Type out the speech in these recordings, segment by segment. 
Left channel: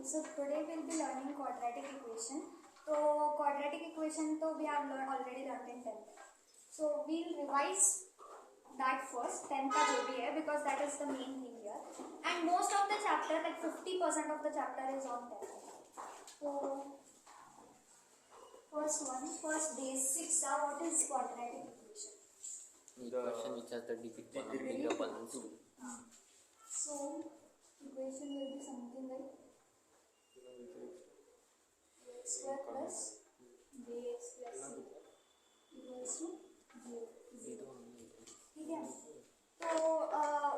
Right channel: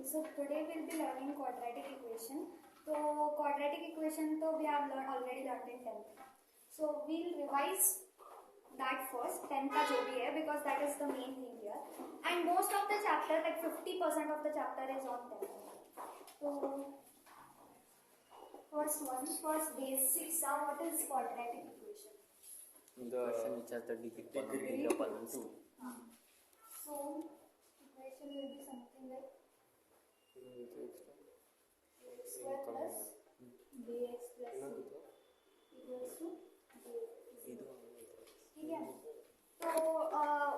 So today we'll be learning quadratic equation. So quadratic equation तो we have already learned in 10th. So we'll revise that first 10th का जो भी है because that is the main thing here. And most of the chapter like 50% of the chapter is on 10th. So first basics are what is quadratic equation. Equation which has the degree of balance. So equation will be something like x square plus bx plus c equals to 0. ठीक है. So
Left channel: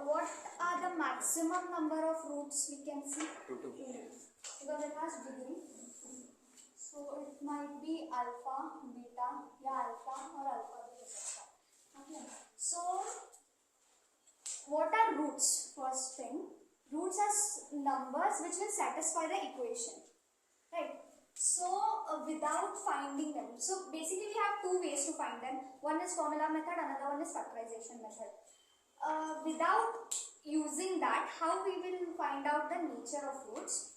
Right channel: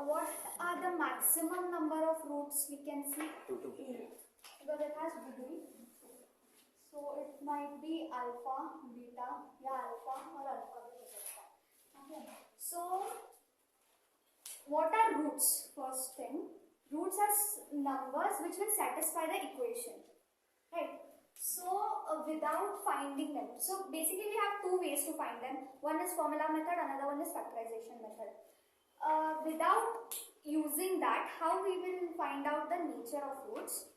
what are the maximum number of roots we can see? 2 because it has degree. So it might be alpha, beta, या alpha और alpha भी हो सकता है. Okay. So what are roots? First thing, roots are numbers which will satisfy the equation, right? So without finding them, so basically we have two ways to find them. One is formula method, another one is factorization method. Without using that, how we will find out the nature of roots?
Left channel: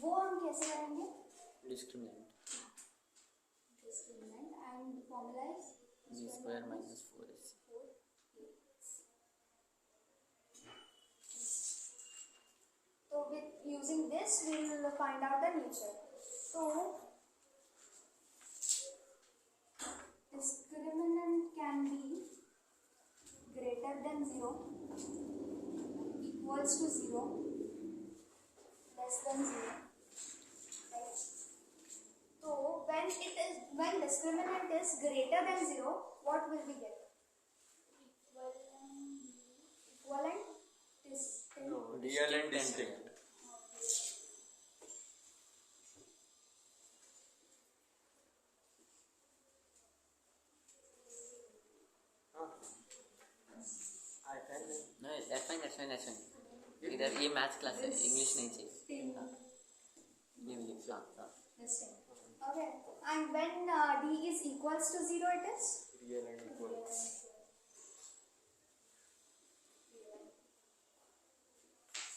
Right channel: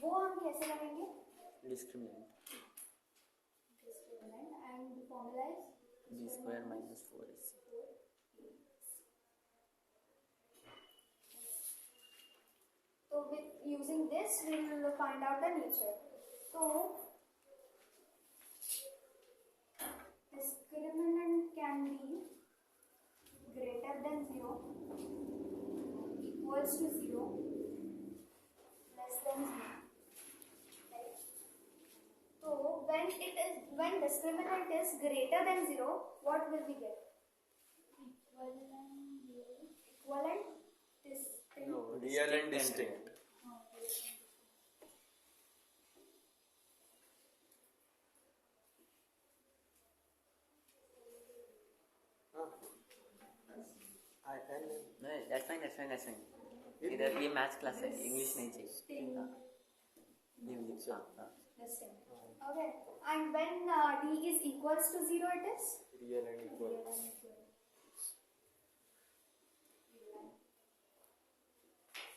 वो हम कैसे करेंगे? Discriminant. And the formula is b square minus 4ac. So with using this, we will find out the nature. So discriminant can be greater than 0, equals to 0, less than 0. Right? So when discriminant is greater than 0, what will we get? Equivalent, distinct. No, real and distinct. No, that's fine. इधर ये maths class है, English नहीं चाहिए. हाँ. Live. हाँ. Okay. And when d is equals to 0, it is real and equal.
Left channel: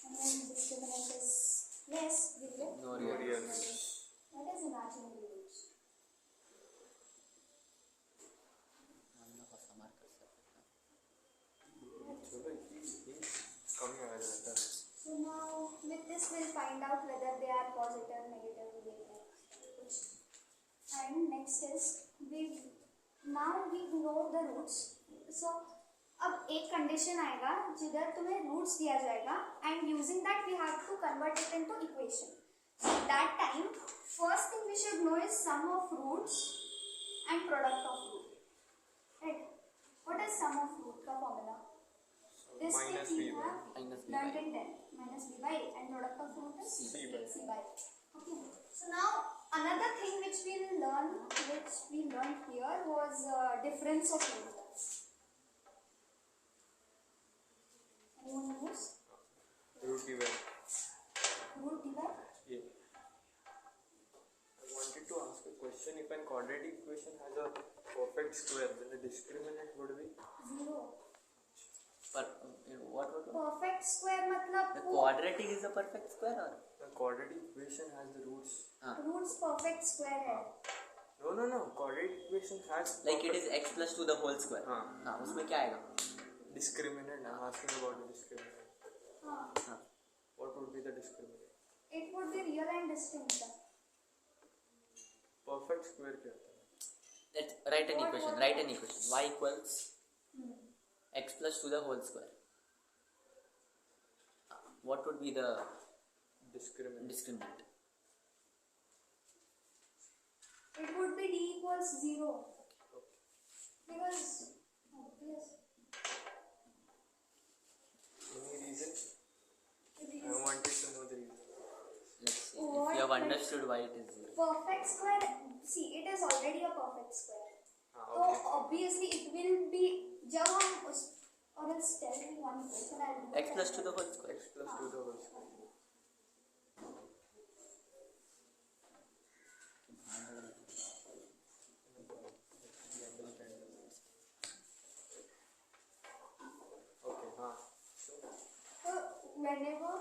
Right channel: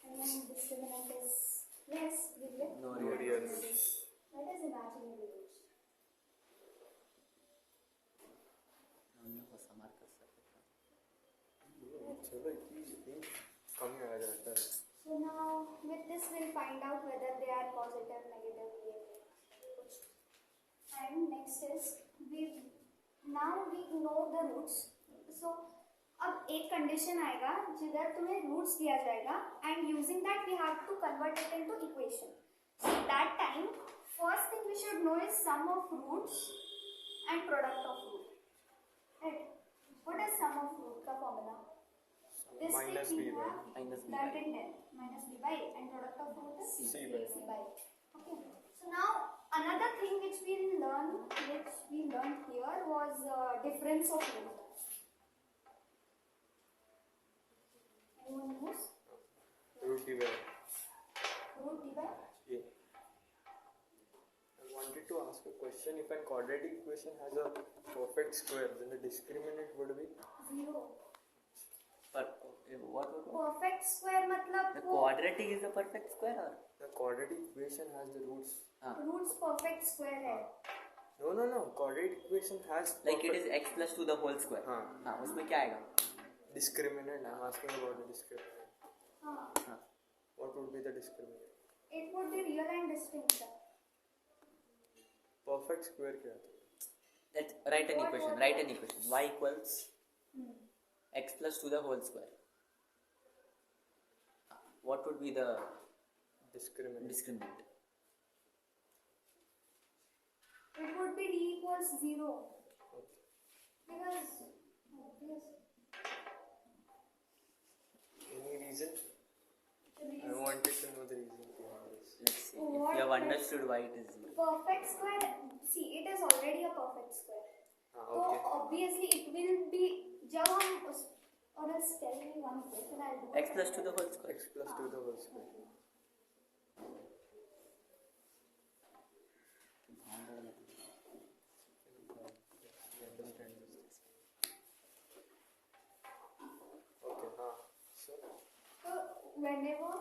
And then discriminant is less, real. No real. That is imaginary roots. हम लोग को समार कर सकते हैं. चलो कम ही आएगा sir. So now with this we'll find out whether they are positive, negative, and next is we know the roots. So अब एक कंडीशन आएगा जिधर तुम्हें रूट्स दिया जाएगा and using that we have to convert it into equation. So that time first thing we should know is sum of roots and product of root. Right? What is sum of root का formula? This minus thing b we by have minus b learned by in 10. Minus b by and product of root is c by. Okay. So now another thing which we learned here was difference of root. Anyone knows? root divide. Root divide? Yeah. I wanted to ask a question. If a quadratic equation has a perfect square, then the discriminant would be 0. But what? Perfect square मतलब The quadratic is a perfect square or? the quadratic equation has the roots. roots perfect square है. No. Quadratic equation has Like it is x plus 2 the whole square. हाँ. उसमें क्या आएगा? discriminant. I'm asking about the discriminant. हाँ. What would be the discriminant? It would be real and distinct. Perfect square क्या होता है? Let's write an equation. Y equals x plus 2 the whole square. What would be the discriminant? It would be d equals 0. Okay. Because obvious. Any reason? I wanted to know the reason behind this. Let's see if you have understood why it is 0. Perfect square, see it is already a perfect square. So Okay. obviously it will be जब हम उस और else tell me one question I'll do X plus 2 the whole square. X plus 2 the whole square. Okay, So whenever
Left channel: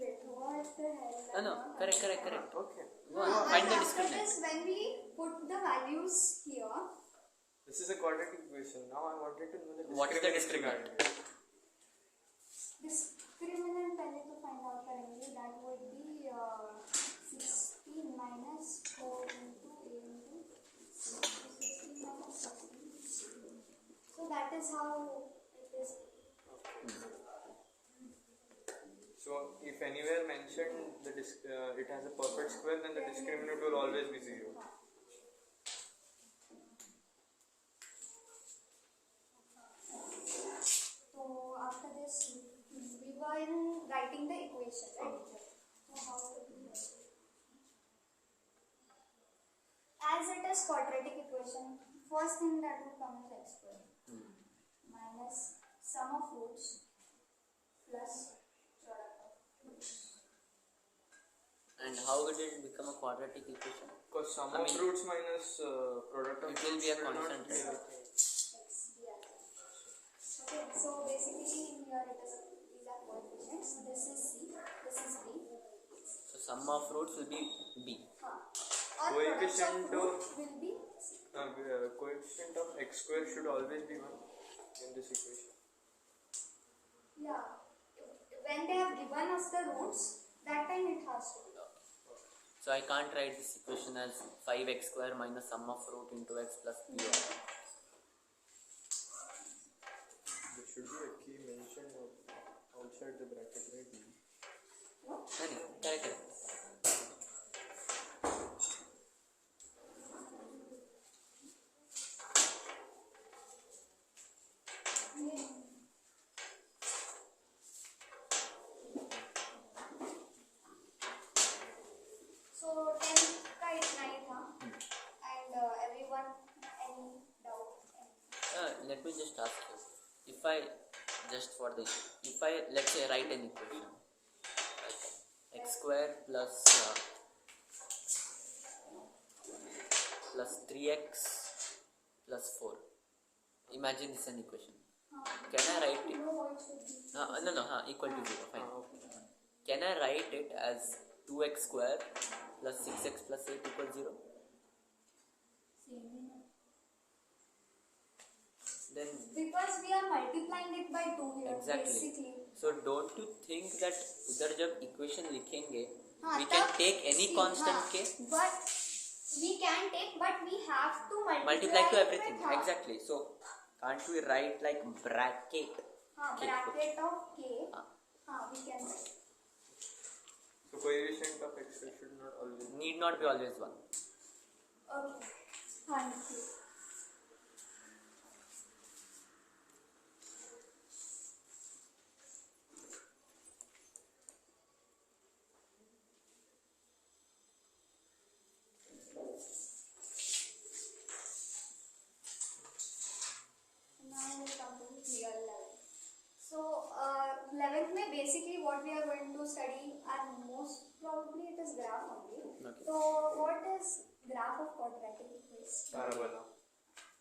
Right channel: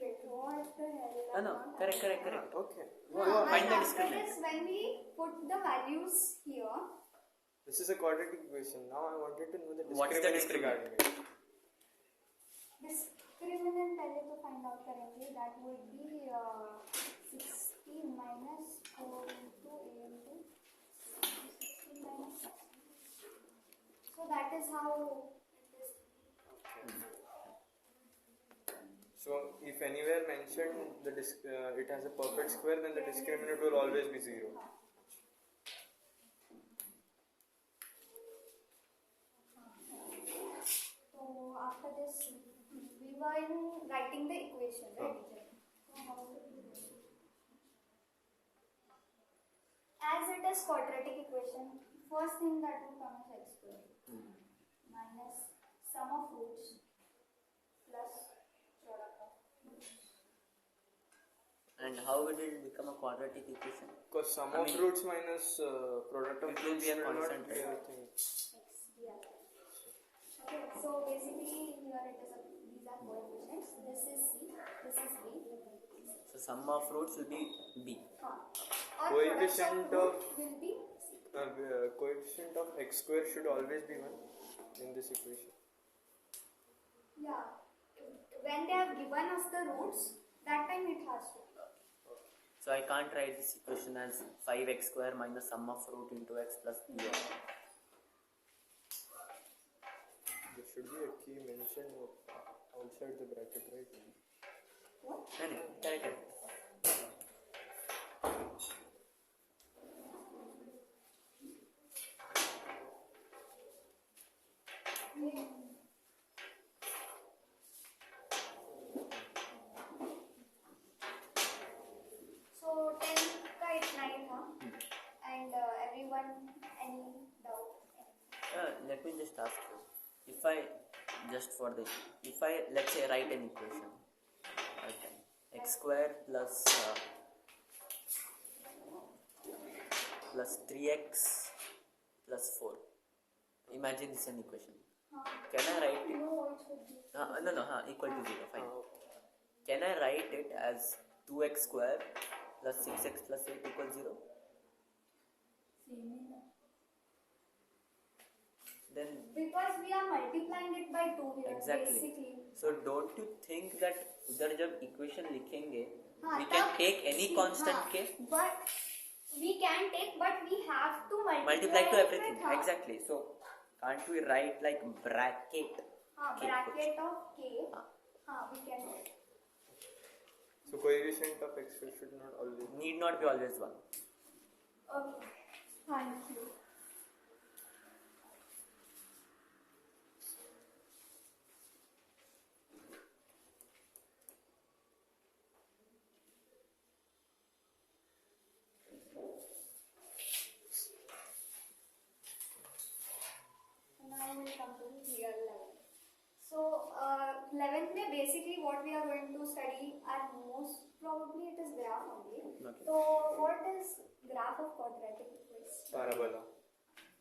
Wait, what the hell? No, correct. Okay. Go on, find the discriminant. That is when we put the values here. This is a quadratic equation. Now I wanted to know the What is the discriminant regarding it. Discriminant पहले तो find out करेंगे. That would be 16 minus 4 into a into 16 minus 16. So that is how it is. So if anywhere mentioned it has a perfect square, then the discriminant will always be 0. So after this, we were in writing the equation, right? So how to do this? As it is quadratic equation, first thing that will come is x square minus sum of roots plus product of roots. And how did it become a quadratic equation? Because sum I of mean, roots minus product of it will be a roots constant, not be right? anything. Yeah. Okay, so basically here it is these are coefficients. This is c, this is b. So sum of roots will be b. Or products of Coefficient root of will be coefficient of x square should always be 1 in this equation. yeah. When they have given us the roots, that time it has to be. So I can't write this equation as 5x square minus sum of root into x plus p of. There should be a key mention of outside the bracket, right? What? No, correct. So 10 का इतना ही था. And everyone, any doubt? Let me just ask you. If I let's say write an equation, okay, x square plus 3x plus 4. Imagine this an equation. Can I write it? No, it should be. No, equal to 0. Fine. Can I write it as 2x square plus 6x plus 8 equals 0? Then Because we are multiplying it by 2 here. exactly. Basically. So don't you think that उधर जब equation लिखेंगे, हाँ, we can तब- take any see, constant हाँ, k, but we can take, but we have to multiply to it everything. with, हाँ. Exactly. So can't we write like bracket? हाँ, K bracket of k. हाँ. हाँ, we can. So coefficient of x should not always. Need not be always 1. Okay. Thank you. Now we come to real 11. So 11th में basically what we are going to study are most probably it is graph only. Okay. So what is graph of quadratic equation? Parabola.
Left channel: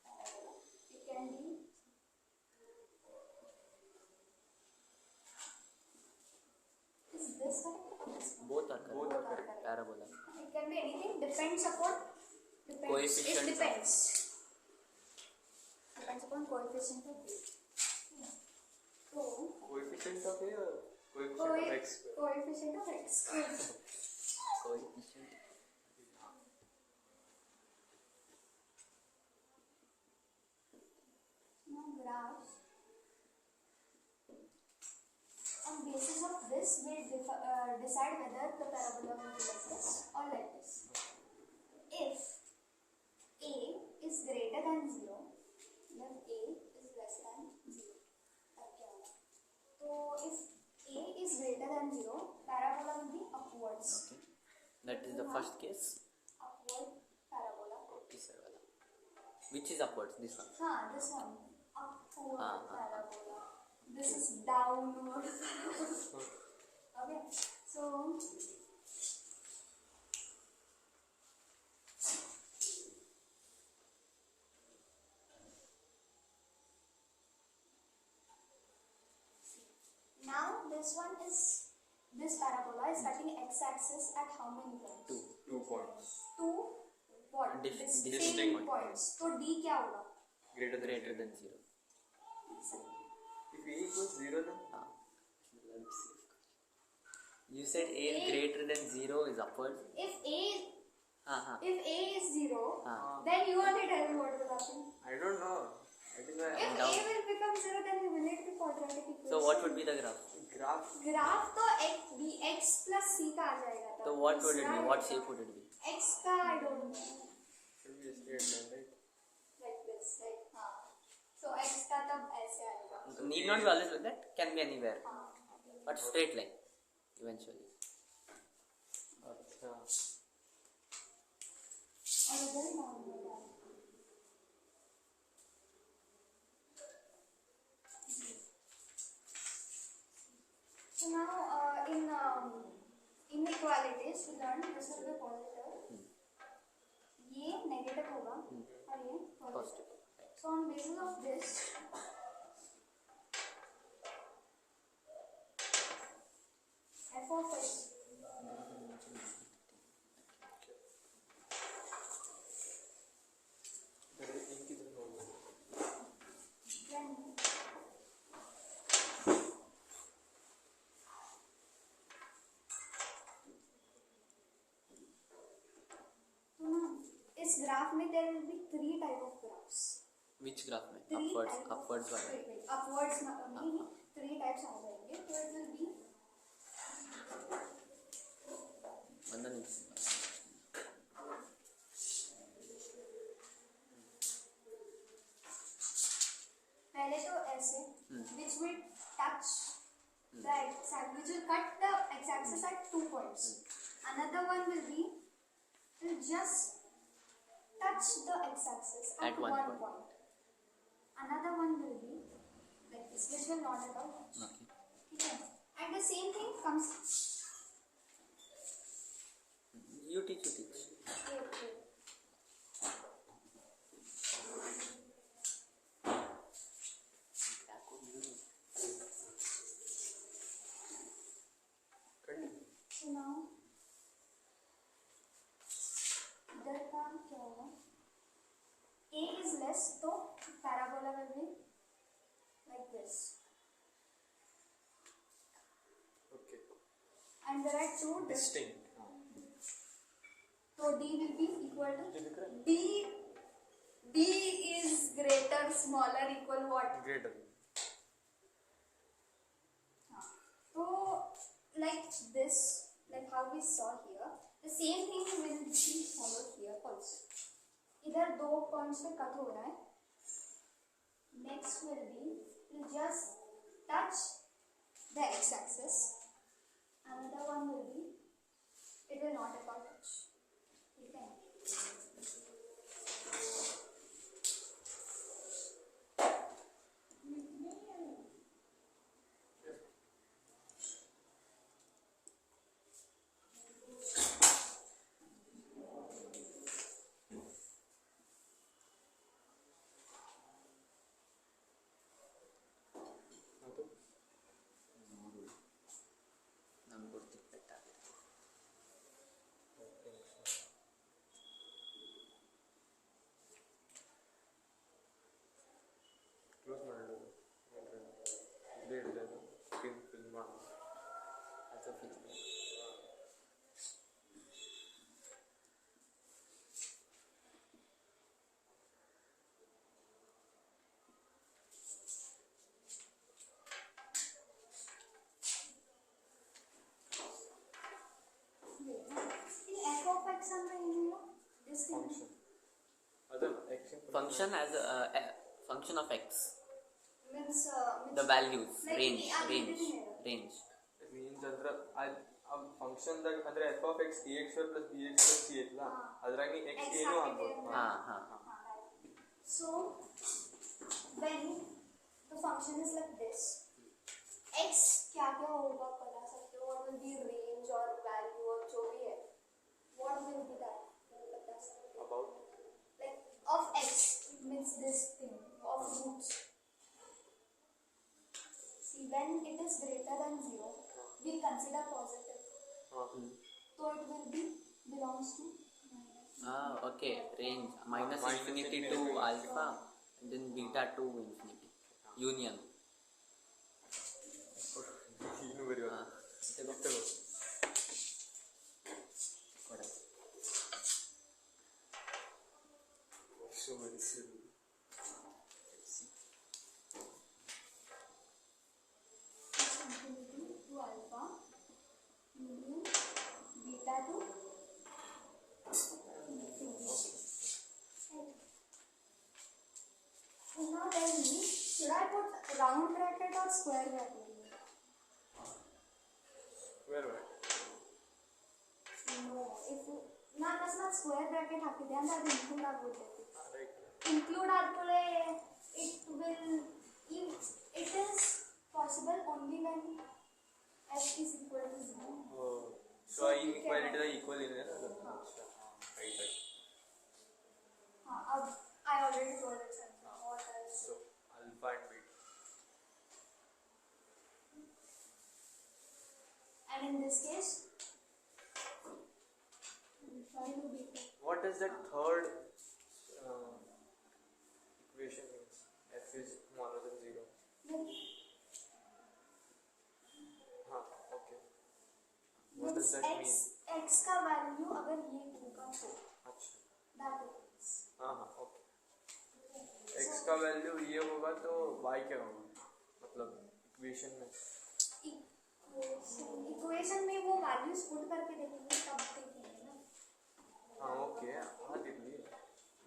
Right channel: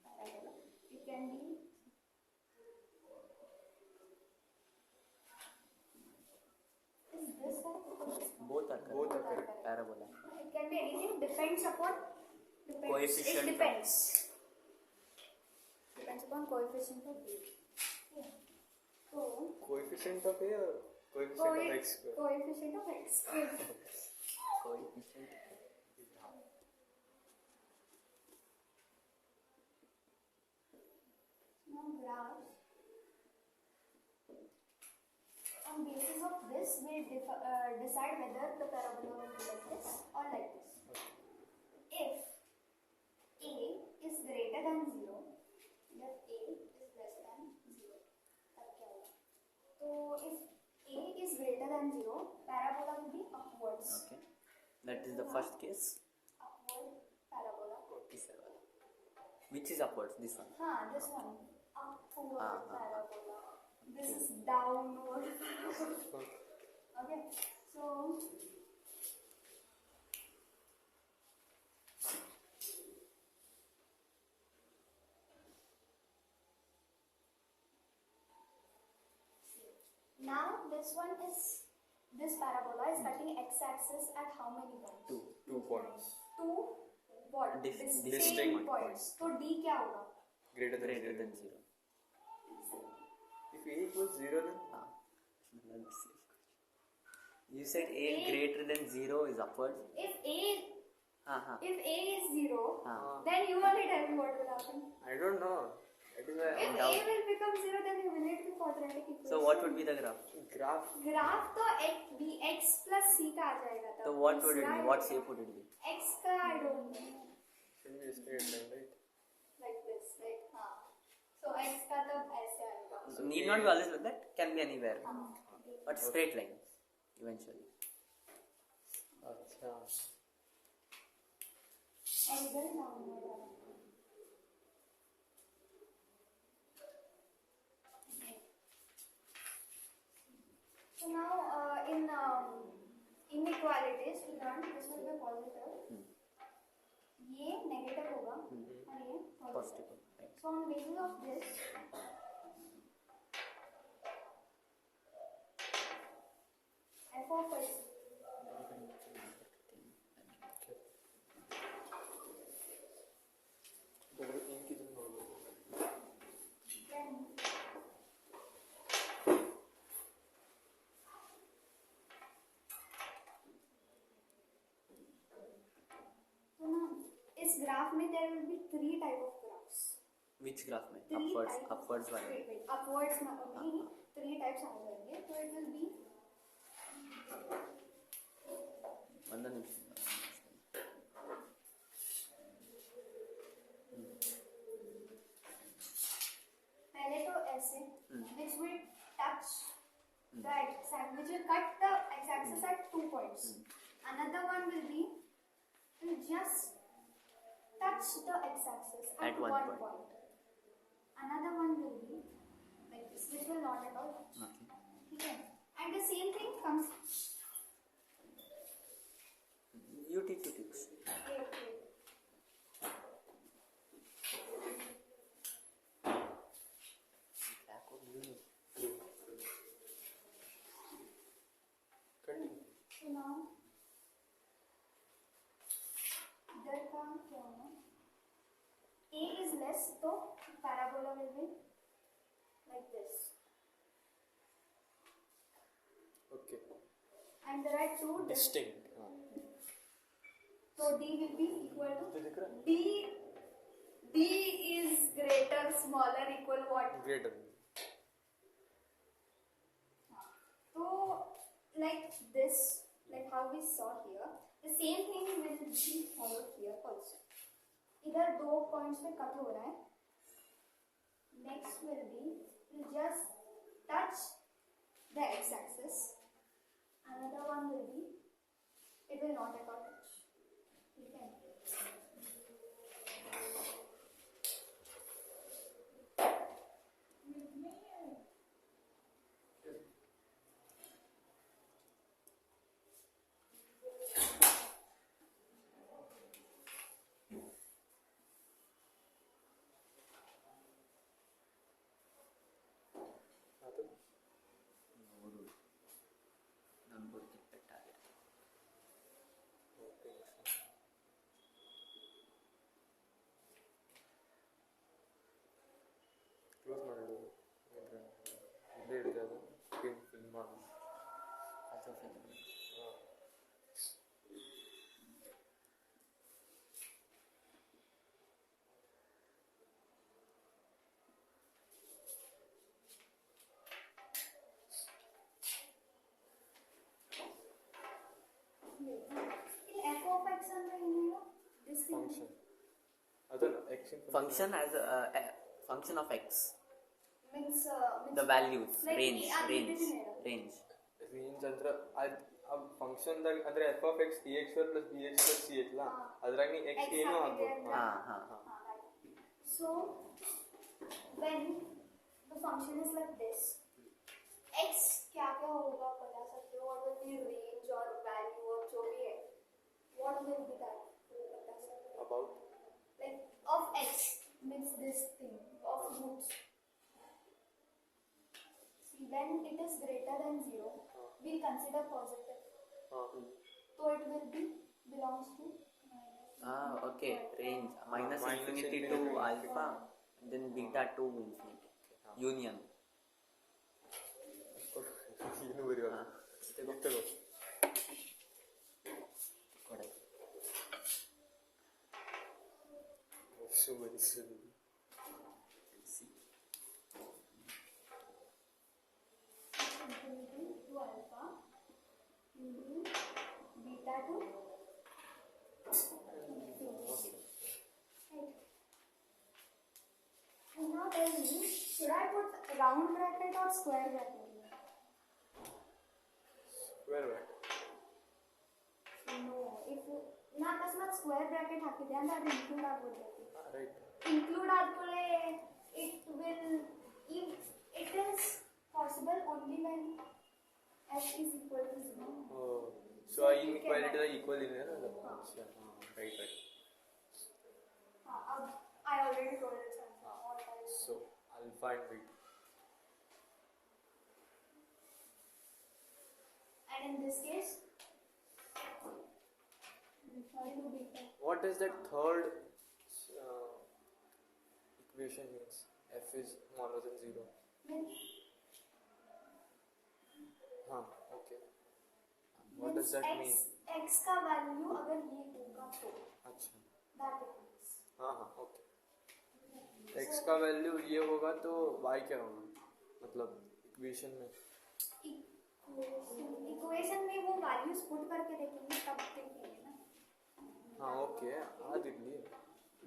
Parabola. It can be is this one or this one? Both are correct. Both are correct. Parabola. It can be anything. Depends upon. Coefficient It of- depends. Depends upon coefficient of b. Yeah. So Coefficient of a or coefficient of x square. coefficient of x square. Coefficient. Now graphs. On basis of this, we decide whether the parabola will be like this or like this. If a is greater than 0, then a is less than 0. तब क्या होगा? तो if a is greater than 0, parabola will be upwards. Okay. That is the first case. Upward parabola. This one. Which is upwards? This one. This one. Upward Ah. parabola. This is downward parabola. Okay. So now this one is this parabola is cutting x-axis at how many points? 2 points. Two what? Distinct Distinct points. points. So D क्या होगा? Greater than Greater 0. than 0. If A equals 0 then? You said A is greater than 0 is upward. If A Uh-huh. if A is 0, Ah. then you only tell me what will happen. I don't know. That is why If A doubt. will become 0, then will it be quadratic equation? So what would be the graph? graph. Graph तो x plus c का आ जाएगा तब. So what would it be? What shape would it be? X का I don't know. Should be a straight line, right? Like this, right? हाँ. So x का तब ऐसे आएगा. Need not be always like that. Can be anywhere. हाँ. But straight line eventually. अच्छा. और इधर नॉर्मल है. So now in inequalities we learned this will be positive. ये negative होगा और ये positive. Positive. Right. So on basis of this, f of x But इनकी जो होगी. then so now इस ग्राफ में there will be three type of graphs. Which graph में? Three Upwards. type of- Upwards one. wait, upwards ना only three types आ जाएंगे. So it will be ಒಂದು ನಿಮಿಷ. पहले तो ऐसे which will touch the x-axis, which will cut the x-axis at 2 points. Another one will be will just touch the x-axis At at one one point. point. Another one will be like this, which will not at all touch. Okay. Okay. And the same thing comes. You teach. Okay. Continue. So now इधर का क्या होगा? A is less, तो parabola will be like this. Okay. And there are two Distinct. So D will be equal to ये दिख रहा है? D is greater, smaller, equal what? Greater. So like this, like how we saw here, the same thing will be followed here also. इधर दो points पे cut हो रहा है. Next will be will just touch the x-axis. Another one will be it will not at all touch. Okay. ನಾನು ಕೊಡ್ತೀನಿ ಪೆಟ್ಟಾಗಿದೆ. Close ಮಾಡಿ ಇದೇ ಹಿಡಿದದು ಫಿಲ್ ಮಾಡಿ ಅದು fix. In f of x ಅಂದ್ರೆ ಏನೇನು? This thing. ಫಂಕ್ಷನ್ ಅದಲ್ಲ X Function as a function of x. Means The values like range ಅದು range ಇದನ್ನೇ ಹೇಳೋದು. range. ಮೀನ್ಸ್ ಅಂದ್ರೆ ಆ ಫಂಕ್ಷನ್ದಾಗ ಅಂದ್ರೆ F of X A X plus B X plus C ಐತಲ್ಲ ಅದ್ರಾಗ ನೀ ಎಕ್ಸ್ X ಏನೂ ಹಾಕಿದ್ರೆ ಆಗ್ಬೋದು. ಹಾ. So when the function is like this, x क्या क्या होगा बता सकते हो? What will be range or value or जो भी है, what will be that? बता सकते हो? About Like of x means this thing of roots. See when it is greater than 0, we consider positive. So it will be belongs to minus. Okay, range minus Minus infinity infinity to to alpha and then beta to infinity. Union. ಏನು ಬರೆಯೋದು? ತಗೋ. ತಗೋ. ಕೊಡು. So very silly. Infinity to alpha, union beta to infinity. Now tell me, should I put round bracket or square bracket? Square bracket. No, if you ನಾನು ಅಕಸ್ಮಾತ್ square bracket ಹಾಕಿದೆ ಅಂದ್ರೆ ಅದು ಇನ್ಕ್ಲೂಡ್ ಆಗ್ಬಿಡ್ತೈತಿ. Right. Include ಆದ್ಮೇಲೆ it will it is possible only when f is equal to 0. Oh. So inequality the equal in है ना? अच्छा हाँ right right. हाँ अब I already told it sir. What I So alpha and beta. and in this case sorry to beta. What does that third equation means? F is smaller than 0. Then हाँ okay. What does that mean? x का value अगर ये होगा तो अच्छा that it means. हाँ हाँ okay. X का वैल्यू ये होगा तो y क्या होगा? मतलब इक्वेशन में इक्वेशन में वो वैल्यूज पुट करके देखेंगे तब देखेंगे ना. हाँ okay हाँ देख लिए.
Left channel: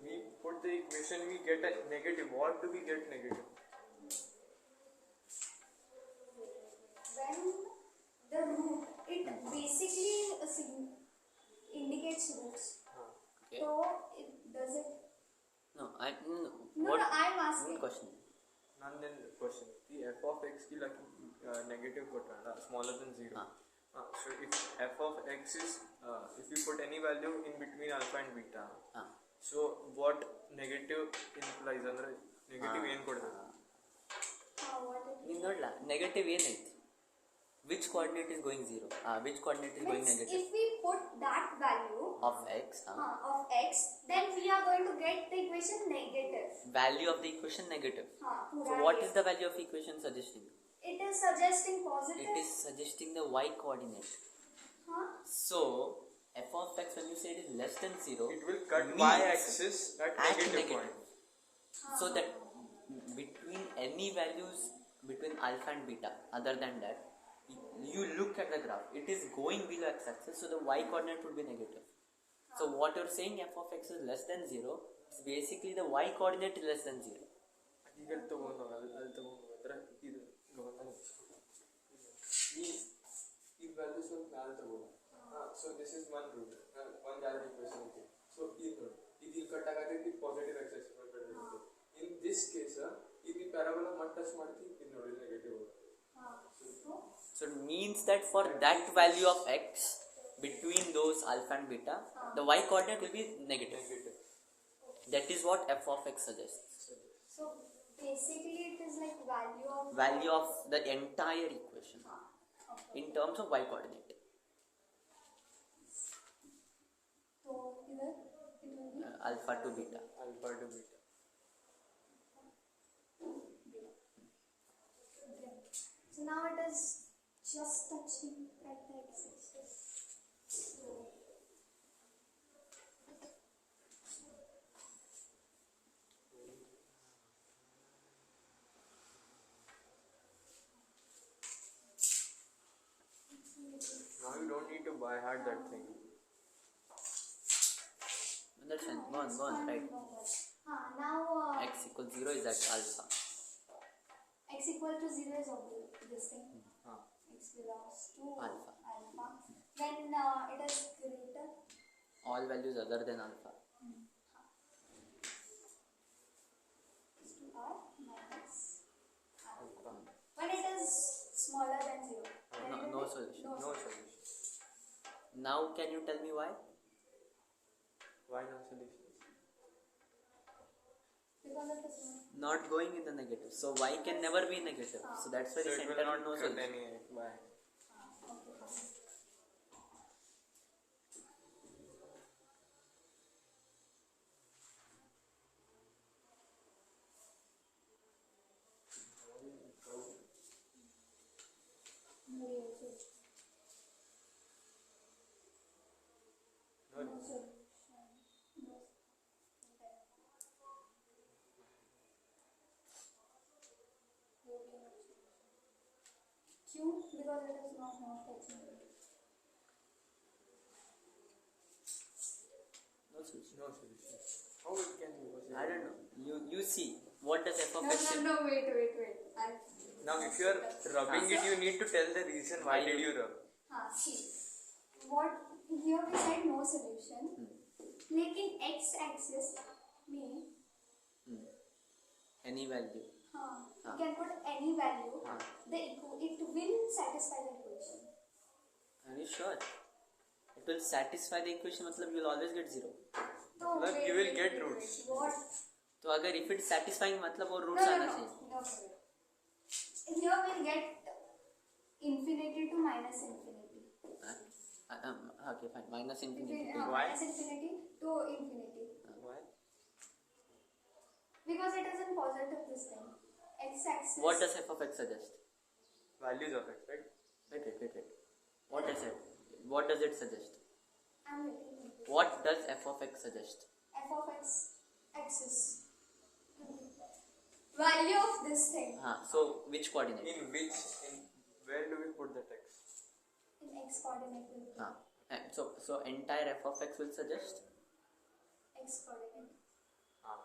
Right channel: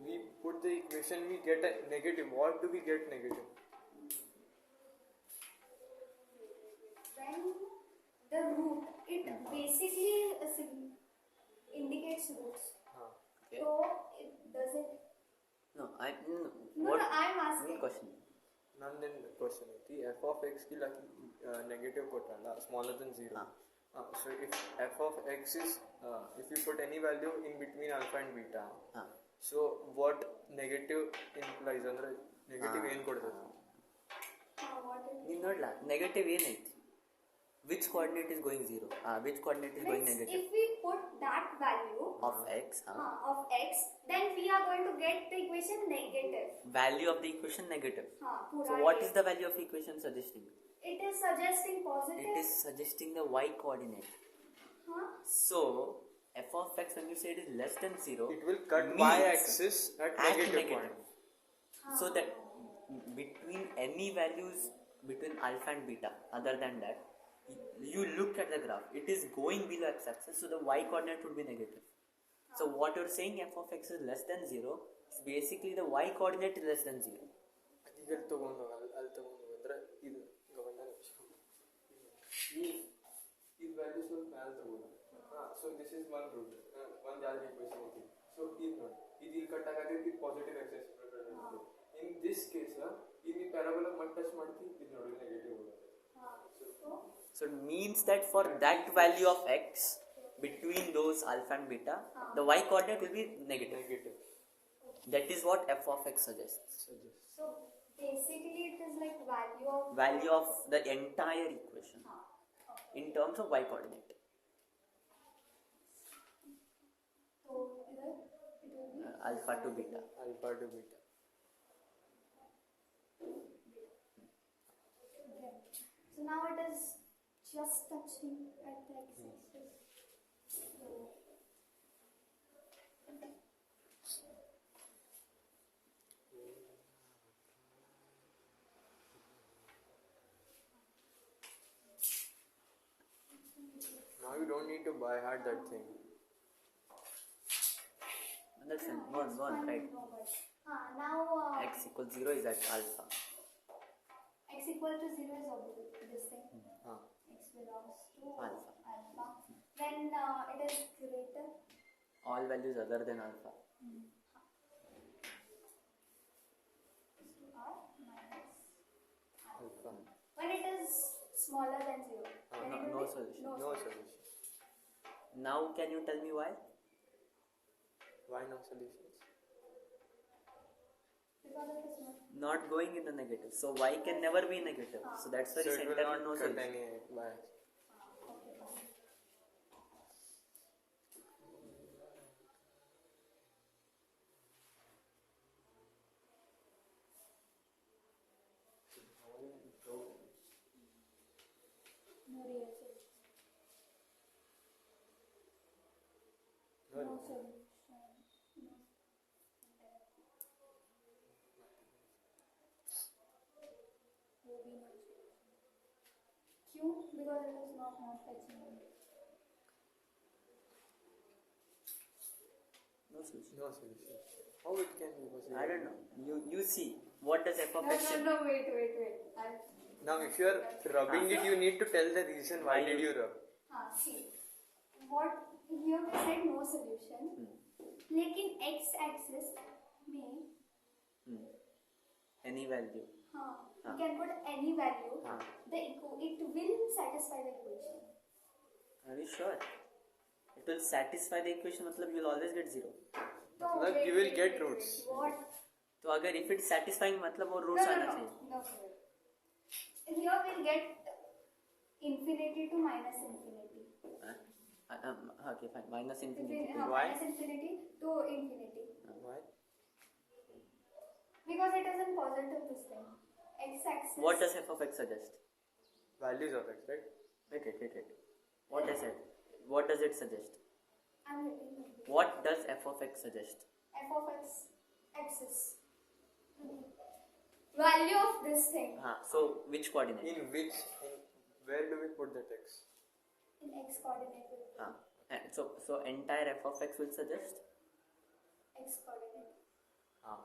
We put the equation, we get a negative. What do we get negative? When the root it basically indicates roots. हाँ. Okay. So it does it. No, No, what? no, I'm asking. Question. ನಂದೇನು question ಐತಿ f of ಎಕ್ಸ್ಗೆ negative ಕೊಟ್ಟಲ್ಲ smaller than 0. So if f of x is if we put any value in between alpha and beta, so what negative implies ಅಂದ್ರೆ negative ಏನು ಕೊಡ್ಬೋದು? What it ನೀನು ನೋಡ್ಲಾ negative ಏನೈತಿ? Which coordinate is going 0? Which coordinate is going means negative? if we put that value Of x. of x, then we are going to get the equation negative. Value of the equation negative. पूरा So what ये. is the value of equation suggesting? It is suggesting positive. It is suggesting the y coordinate. So f of x when you say it is less than 0, It will cut means y axis at negative point. So that between any values between alpha and beta other than that, you look at the graph, it is going below x axis, so the y coordinate would be negative. So what you're saying f of x is less than 0 is basically the y coordinate is less than 0. ಈಗ ತಗೊಂಡು ಅಲ್ಲಿ ತಗೊಂಡು ಅಂದ್ರೆ ಇದು ಇವಾಗ ಈ value ಸ್ವಲ್ಪ ಮ್ಯಾಲೆ ತಗೊಂಡು so this is one root ಒಂದು ಜಾಲದ ಇಕ್ವೇಷನ್ ಐತಿ. ಸೊ ಇದು ನೋಡಿ ಇದು ಇಲ್ಲಿ ಕಟ್ ಆಗತೈತಿ positive axis in this case ಇದು ಈ ಪ್ಯಾರಾಬೋಲಾ ಮತ್ತೆ ಟಚ್ ಮಾಡ್ತಿ ಇದು ನೋಡಿ negative. So it means that for that value of x between those alpha and beta, the y coordinate will be negative. That is what f of x suggests. So basically it is like Value of the entire equation okay. in terms of y coordinate. So either it will be Alpha to beta. Alpha to beta. So now it is just touching at the x-axis. So Now you don't need to buy hard that thing. Understand? Go on, right. now X equals 0 is at alpha. x equal to 0 is obvious this thing. X belongs to Alpha. When it is greater. All values other than alpha. Is to r minus Alpha. when it is smaller than 0. No solution. No solution. Now can you tell me why? Why no solutions? Because it is Not going in the negative. So y can never be negative. So that's why So the it will center not no cut solution. any. Why? solution. No. Will be no solution. Q, because it is not touching it. No solution. No solution. How it can be possible? I don't know. You see, what does f of No, x? no, wait. Now, if you are rubbing it, you need to tell the reason why did you rub. See, what here we said no solution. लेकिन x axis में Any value. you can put any value. It will satisfy the equation. Are you sure? It will satisfy the equation. मतलब you will always get 0. So मतलब you will get roots. What? तो अगर if it's satisfying मतलब वो roots आना चाहिए. No. Here we'll get infinity to minus infinity. Okay, fine. Minus infinity. Why? Minus infinity to infinity. Why? Because it is in positive this thing. X-axis. What does f of x suggest? Values of x, right? Wait. What I said. What does it suggest? I'm waiting. What does f of x suggest? F of x axis. Value of this thing So which coordinate? Where do we put that x? in x coordinate. So entire f of x will suggest? X coordinate.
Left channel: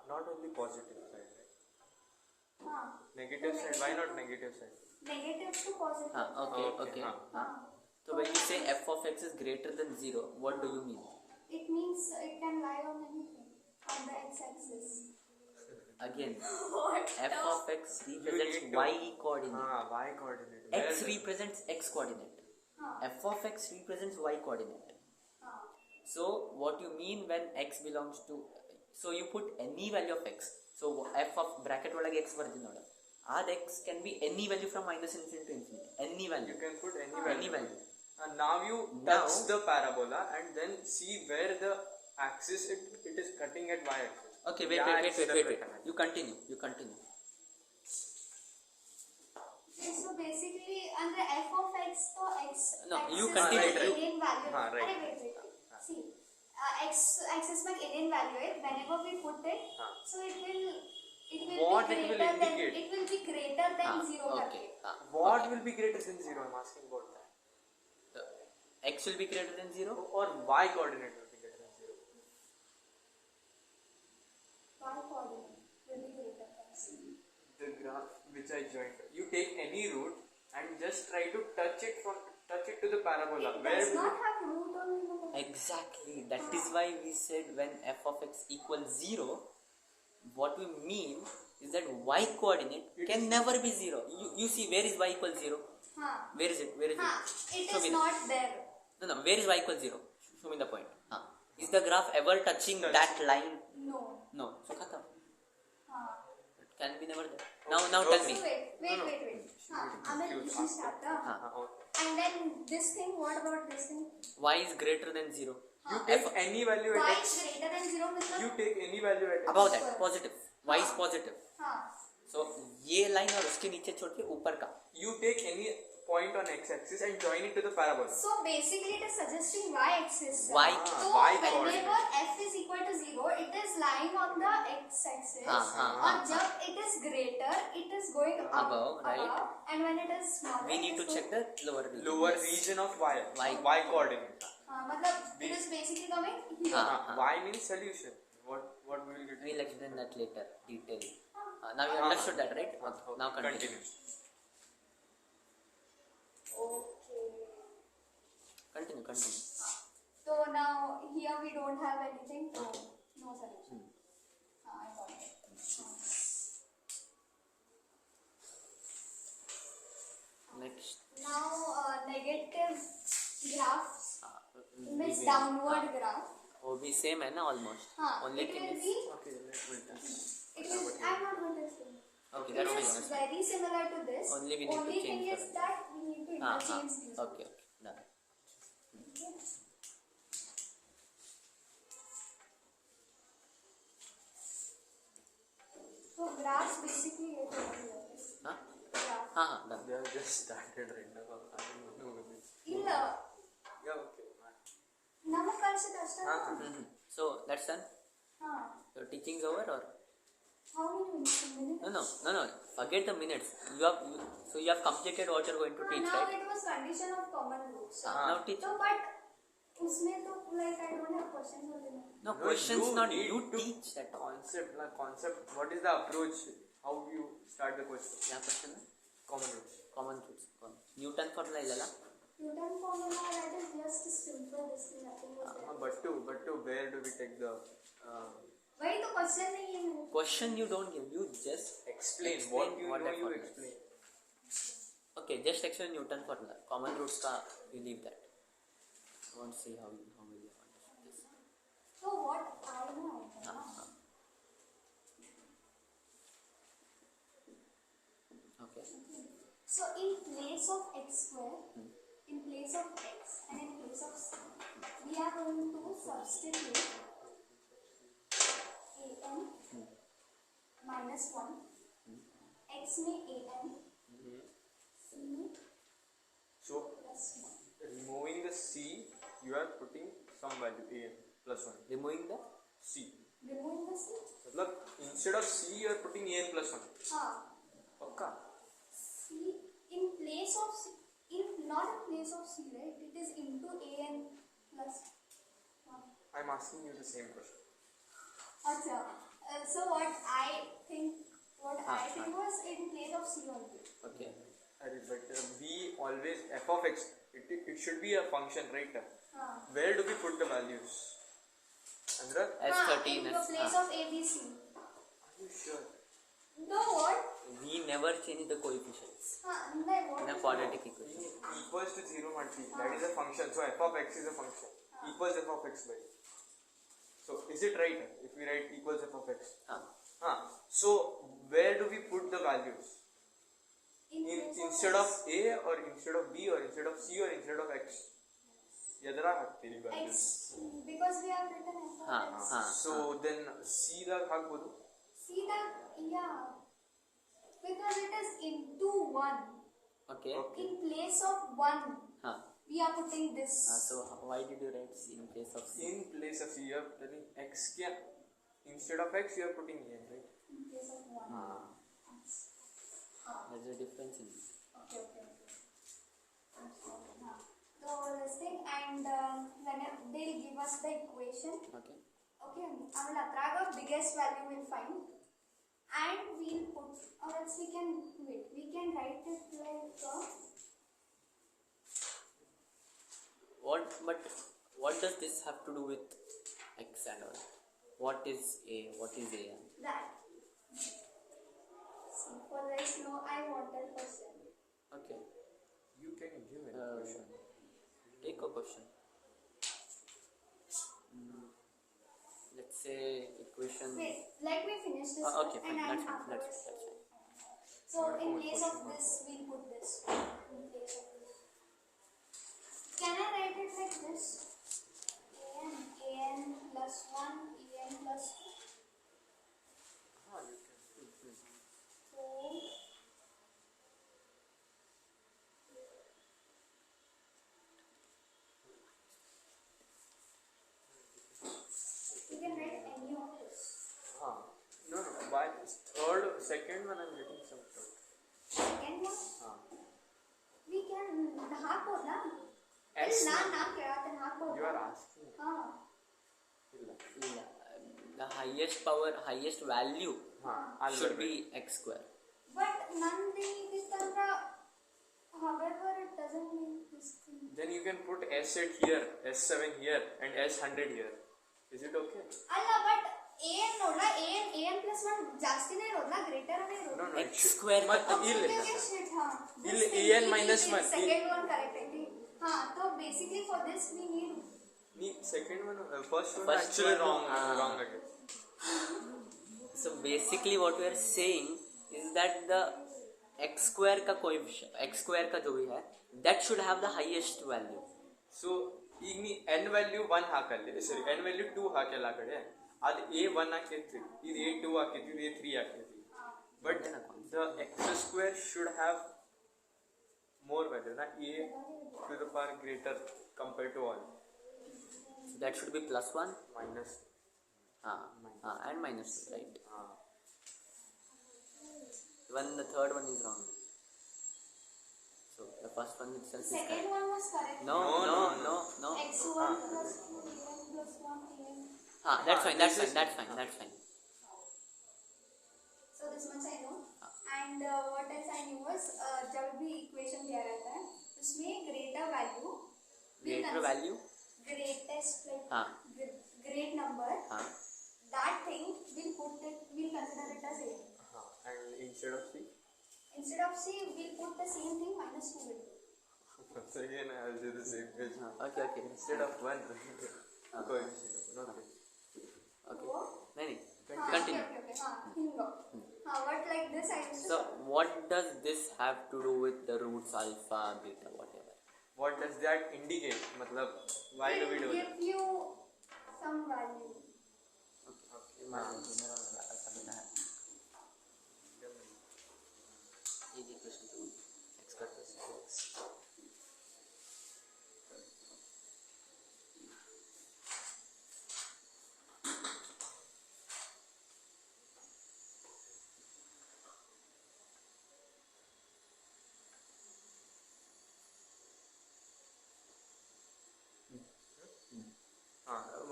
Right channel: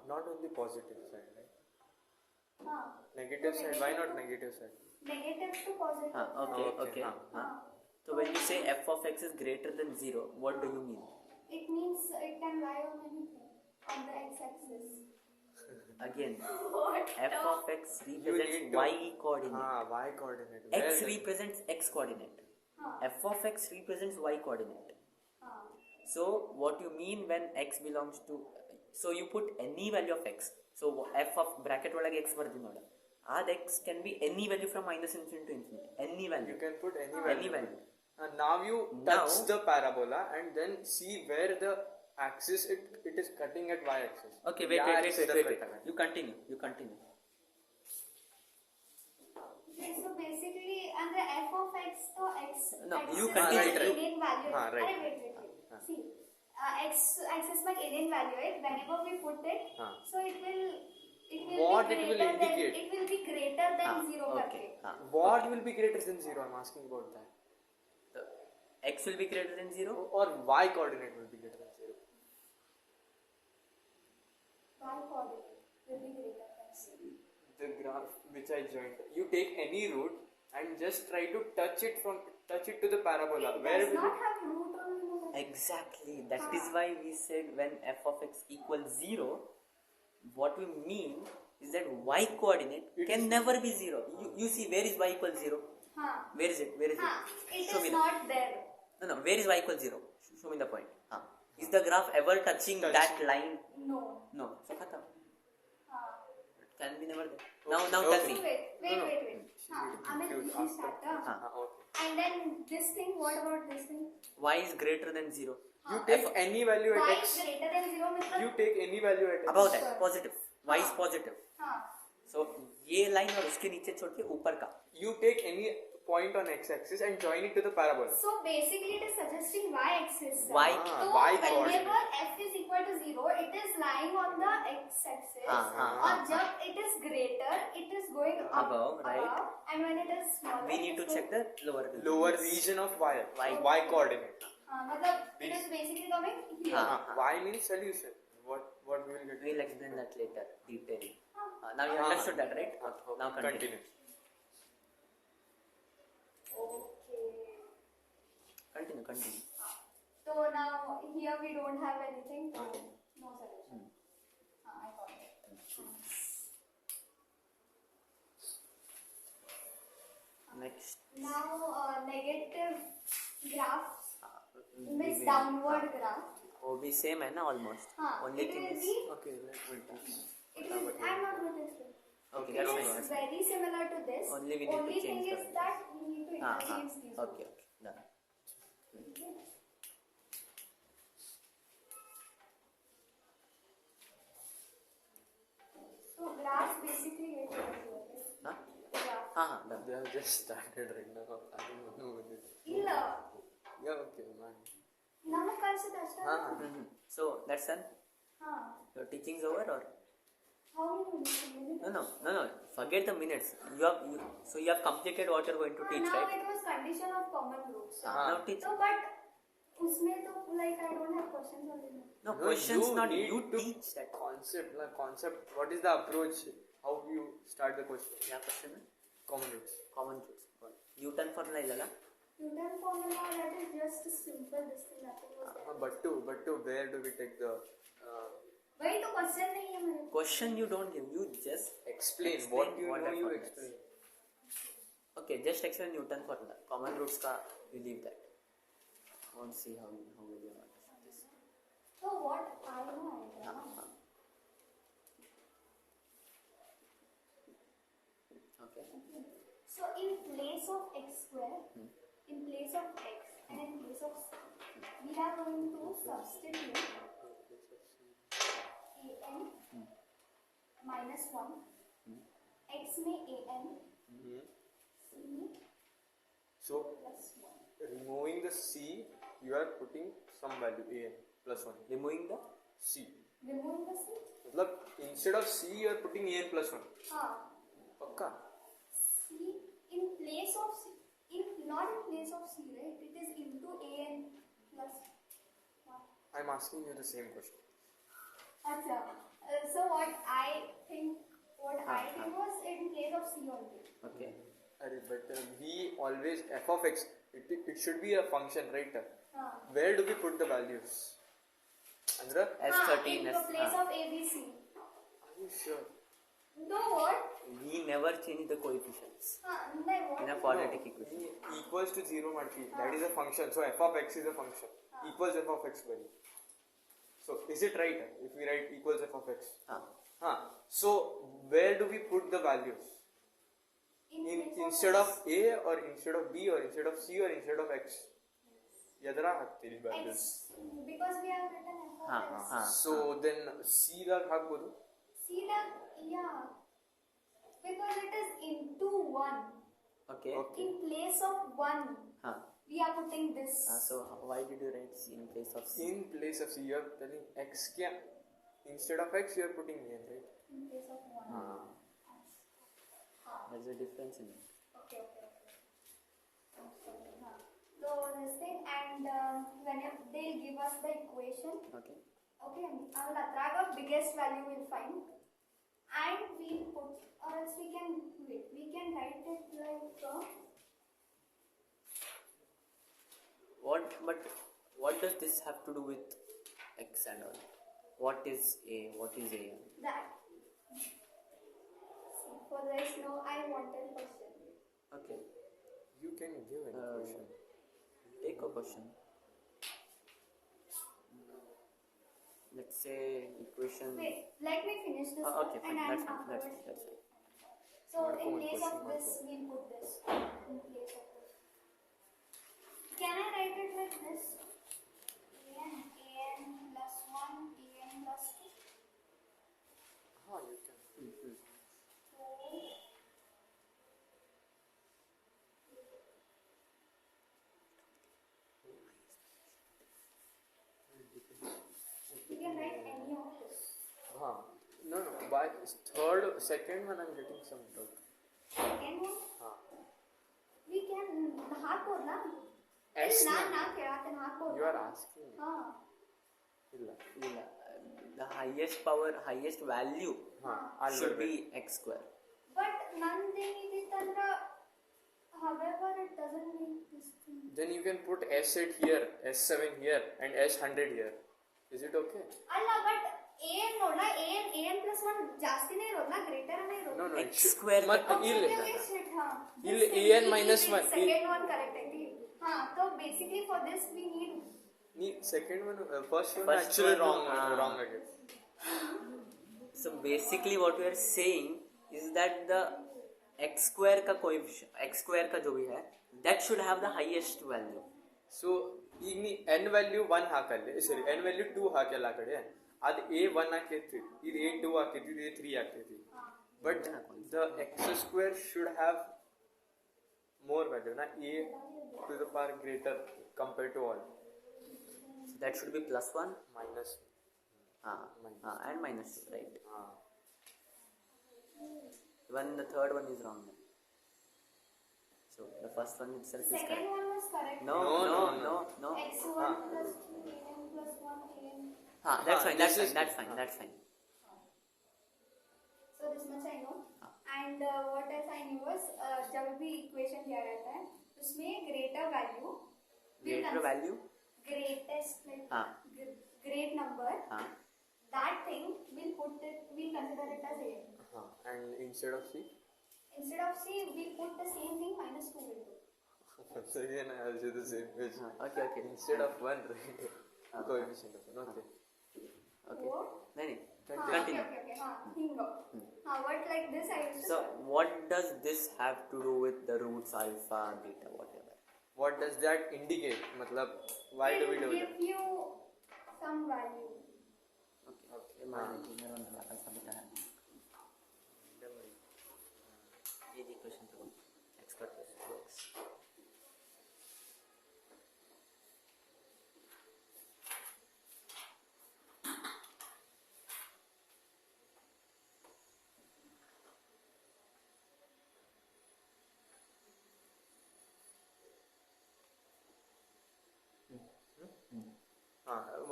Not only positive side, right? Negative Negative side. Why not negative side? Negative to positive. Okay. So when you say f of x is greater than 0, what do you mean? It means it can lie on anything on the x-axis. Again, What? f of x represents need to- y coordinate. Y coordinate. X Where- represents x coordinate. F of x represents y coordinate. हाँ. So what you mean when x belongs to, so you put any value of x. So f of bracket ಒಳಗೆ x ಬರ್ತೀನಿ ನೋಡ. That x can be any value from minus infinity to infinity. Any You value. can put any Any value. value. And now you touch the parabola and then see where the axis it is cutting at y-axis. Okay, wait. You continue. Okay, so basically under f of x to x No, axis you continue. में alien value. right. अरे wait. See, x axis में alien value है. Whenever we put it, so it will What be it will greater than indicate? it will be greater than 0 Okay. करके. What will be greater than 0? I'm asking about that. X will be greater than 0. Or y coordinate will be greater than 0. Y coordinate will be greater than 0. The graph which I joined. You take any root and just try to touch it to the parabola. It Where does will not have root or no. Exactly. That is why we said when f of x equals 0, what we mean is that y coordinate can never be 0. You see, where is y equals 0? Where is it? It Show is me not there. No. Where is y equals 0? Show me the point. Is the graph ever touching that line? No. So khatam. It can be never there. Now tell me. So wait. I mean, you start. okay. And then this thing, what about this thing? Y is greater than 0. You take any value Y at is x. greater than 0 means You take any value at x. About that, positive. Y is positive. हाँ. So ये line और उसके नीचे छोड़ के ऊपर का. You take any point on x-axis and join it to the parabola. So basically it is suggesting y-axis. Y. So Y whenever f is equal to 0, it is lying on the x-axis. और जब it is greater, it is going Above, right. And when it is smaller, We need to check the lower region. Lower region of y. Y. Y coordinate. मतलब it is basically coming here. Y means solution. What we will get? We'll explain that later, detail. Now you understood that, right? Okay. Now continue. Okay. Continue. So now here we don't have anything. No solution. I got it. Next. Now negative graphs means downward graph. वो भी same है ना almost. Only It thing will is be. Okay, let's उल्टा. It is. I'm not going to explain. Okay, It that's fine. is That's fine. very similar to this. Only we need to change thing the is value. that we need to interchange these. Okay, done. So graphs basically like what here is. Huh? Graph. Done. They have just started right now. I don't know. ಇಲ್ಲ Yeah, okay, man. ನಮಗೆ ಕಳ್ಸಿದ ಅಷ್ಟೇ. So that's done. Your teaching is over or? How many minutes? No. Forget the minutes. So you have completed what you're going to teach, Now right? it was condition of common roots. Now teach. So but उसमें तो like I don't have questions only. No questions, you not need you to teach that. Concept. What is the approach? How you start the question? क्या question है? Common roots. Common roots. Newton formula इल्लला. Newton formula, that is just simple. This thing nothing was there. But to where do we take the वही तो question नहीं है मेरे. Question you don't give. You just explain explain what you what know that you formula is. explain. Okay, just explain Newton formula. Common roots का you leave that. I want to see how will you understand this. So what I know. Okay. So in place of x square, in place of x and in place of c, we are going to substitute an minus 1, x में an, c में So plus 1. removing the c, you are putting some value a n plus 1. Removing the C. Remove the c. मतलब instead of c, you are putting a n plus 1. हाँ. पक्का? C in place of c, not in place of c, right? It is into an plus 1. I'm asking you the same question. Acha. So what I think was in place of c only. okay. But we always f of x. It should be a function, right? Where do we put the values? Andra? S13 in the place of a, b, c. Are you sure? No, what? We never change the coefficients No, what? in a quadratic equation. Equals to 0 multi. That is a function. So f of x is a function. Equals f of x value. So is it right if we write equals f of x? So where do we put the values? Instead of a or instead of b or instead of c or instead of x? Yadra hakti values. X, because we have written f of x. So then c ದಾಗ ಹಾಕ್ಬೋದು. See that? Yeah. Because it is into 1. Okay. In place of 1, we are putting this. So why did you write C in place of C? In place of c, you are telling x kya? Instead of x, you are putting a, right? In place of 1. There's a difference in it. Okay. So this thing, and when they'll give us the equation. Okay. Okay, I will attract the biggest value we'll find, and we'll put, or else we can wait. We can write it like What does this have to do with x and all? What is a? What is a? that. So for this, no, I wanted question. Okay. You can give an equation. Take a question. Let's say equation. Wait, let me finish this. Okay, and fine. That's I'll fine. That's afterwards- fine. So in place of this, we'll put this. In place of this. Can I write it like this? an plus 1, an plus 2. You can. So you can write any of this. No. By third, second one, I'm getting some doubt. Second one, we can ಹಾಕ್ಬೋದು ನಾ S ನಾನು ಕೇಳತ್ತೇನೆ ಹಾಕ್ಬೋದು. You are asking. ಇಲ್ಲ. The highest power, highest value should be x square. But ನಂದು ಇದಿತ್ತಂದ್ರ however it doesn't mean this thing. Then you can put S8 here, S7 here, and S100 here. Is it okay? ಅಲ್ಲ but ಏನ್ ನೋಡ್ಲಾ ಏನ್ plus 1 ಜಾಸ್ತಿನೇ ಇರೋದ್ನಾ ಗ್ರೇಟರ್ನೇ ಇರೋದು. X square ಮತ್ತೆ ಇಲ್ಲಿ an minus 1. Second one correct ಐತಿ. So basically for this we need Second one, first one First actually one, wrong again. So basically what we are saying is that the x square का coefficient, x square का जो भी है, that should have the highest value. So ಈಗ ನೀ n value 1 ಹಾಕಲ್ಲಿ, sorry, n value 2 ಹಾಕಲ್ಲ ಆ ಕಡೆ, ಅದು a 1 ಹಾಕೈತಿ, ಇದು a 2 ಹಾಕೈತಿ, ಇದು a 3 ಹಾಕೈತಿ. But the x square should have more value, na a to the power greater compared to all. So that should be plus 1 minus and minus 2, right? uh, Even the third one is wrong. So the first one itself is Second correct. one was correct. No. x1 plus 2 an plus 1 an. That's fine. this is- That's fine. So this much I know. And what else I knew was जब भी equation दिया रहता है उसमें greater value Greater value. greatest like हाँ. great number हाँ. that thing we'll consider it as a. and instead of C Instead of C we'll put the same thing minus 2 will do. once again I'll do the same question. Okay. Instead of 1 coefficient okay वो नहीं हाँ, continue. okay. हाँ hingo. हाँ what like this I used to. So what does this have to do with the roots alpha, beta, whatever? what does that indicate मतलब why do we It do will that give you some value. Okay. मेरा alpha beta है. ये equation तो x square plus 2x.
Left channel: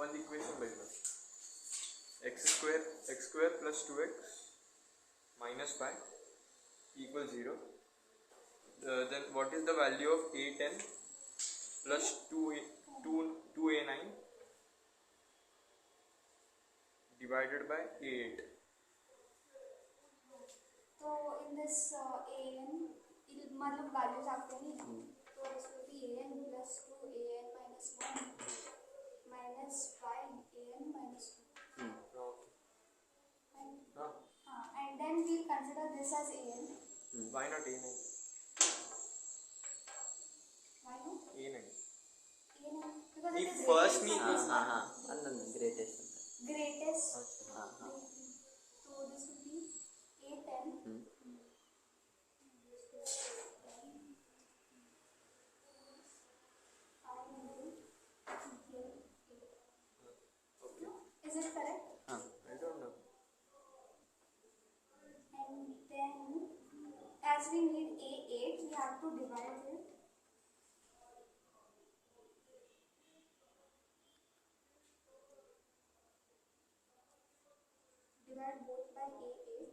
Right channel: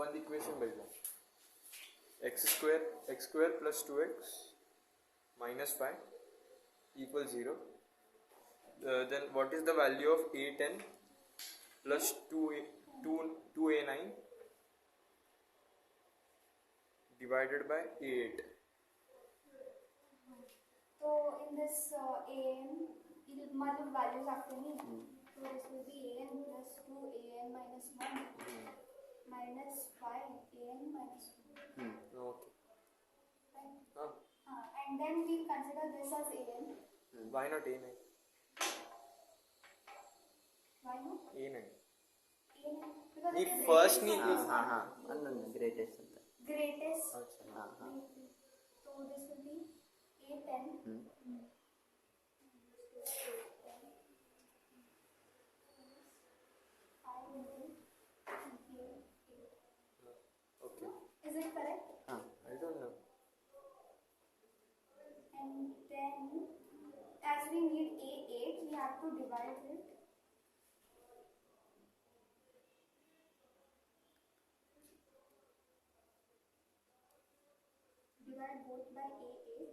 one equation by one x square plus 2x minus 5 equals 0 then what is the value of a10 plus 2a9 divided by a8 So in this an मतलब values आते हैं नहीं तो this will be an plus 2 an minus 1 minus 5 an minus 2 okay and then we'll consider this as an. why not a9 Why not? a9 an because If it is first rated need- for हाँ अंदर greatest अंदर. greatest. हाँ. So this will be a10. okay Is it correct? I don't know And then, as we need A8, we have to divide it. Divide both by A8.